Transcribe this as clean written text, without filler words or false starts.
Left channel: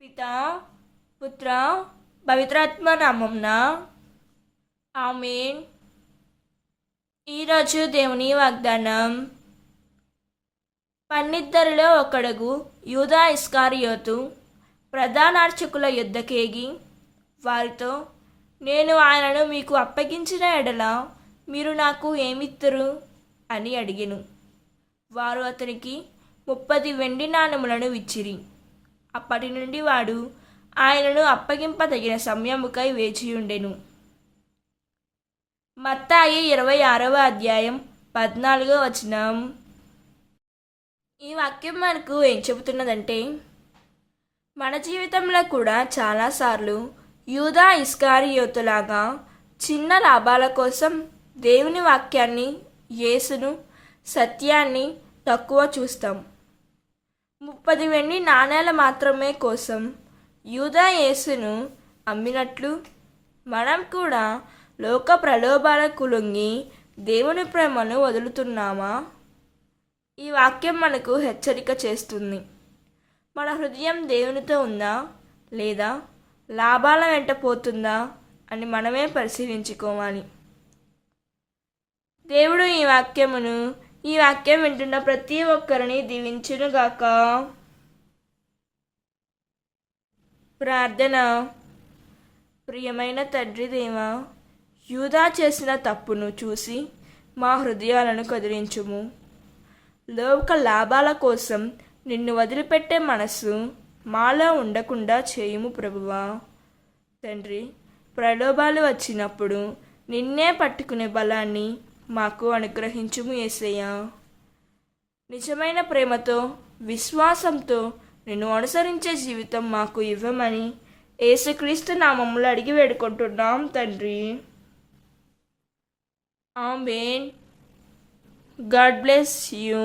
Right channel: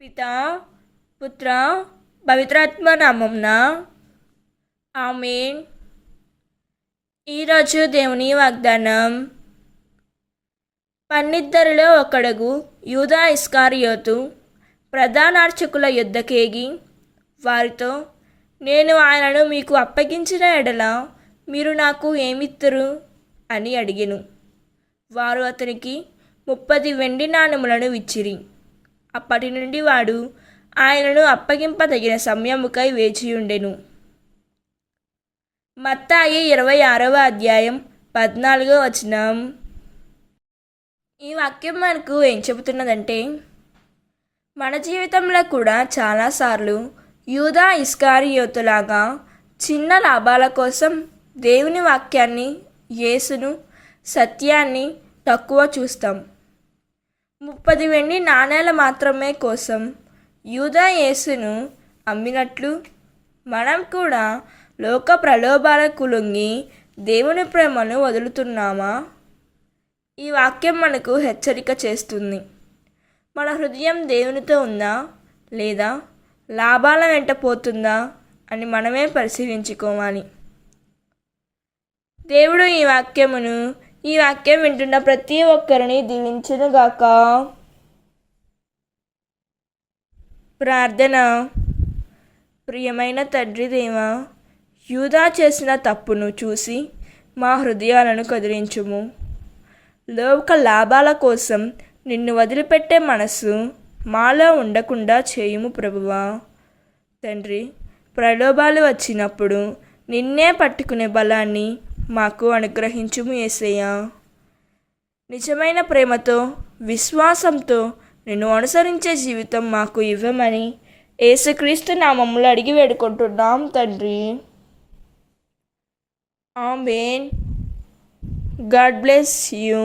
పితా, పుత్ర, పవిత్రాత్మ నామమున ఆమేన్. ఈరోజు దేవుని వాగ్దానం. పన్నిద్దరిలో ఒకడుగు యూదా ఇస్కారియోతు ప్రధానార్చకుల యుద్ధకేగి వారితో, నేను ఆయనను మీకు అప్పగించిన ఎడల మీరు నాకు ఏమిత్తురు అని అడిగెను. వారు అతనికి 30 వెండి నాణెములను ఇచ్చిరి. అప్పటి నుండి వాడు ఆయనను అప్పగింపదగిన సమయముకై వేచియుండెను. మత్తాయి 26వ అధ్యాయం 14వ వచనం. ఈ వాక్యం మనకు ఏం చెబుతున్నదంటే, మన జీవితంలో కూడా చాలాసార్లు యూదా ఇస్కారియోతులాగా చిన్న లాభాల కోసం దేవుని వాక్యాన్ని, యేసును, సత్యాన్ని తక్కువ చూస్తాం. 30 వెండి నాణేల మాత్రమే కోసం యూదా యేసును అమ్మినట్లు మనం కూడా లోక ప్రలోభాలకు లొంగి దేవుని ప్రేమను వదులుతున్నామా? ఈ వాక్యం మనకు హెచ్చరిక చేస్తుంది. మన హృదయం దేవునితో ఉందా లేదా లాభాల వెంట పోతుందా అని మనమే పరిశీలించుకోవాలి. దేవుడు ఈ వాక్యం వింటున్న ప్రతి ఒక్కరిని దీవించునుగాక. ప్రార్థన. ప్రియమైన తండ్రి దేవా, యూదా చేసిన తప్పును చూసి మా హృదయాలను కదిలించుము. లోక లాభాల కోసం నిన్ను వదిలిపెట్టే మనసు మాలో ఉండకుండా చేయుము ప్రభువా. తండ్రి, ప్రలోభాలు వచ్చినప్పుడు నిన్నే పట్టుకునే బలాన్ని మాకు అనుగ్రహించుము యేసయ్యా. నిజమైన ప్రేమతో, విశ్వాసంతో నిన్ను అనుసరించే జీవితం మాకు ఇవ్వమని యేసుక్రీస్తు నామములో అడిగి వేడుకుంటున్నాం తండ్రి. ఆమేన్. God bless you.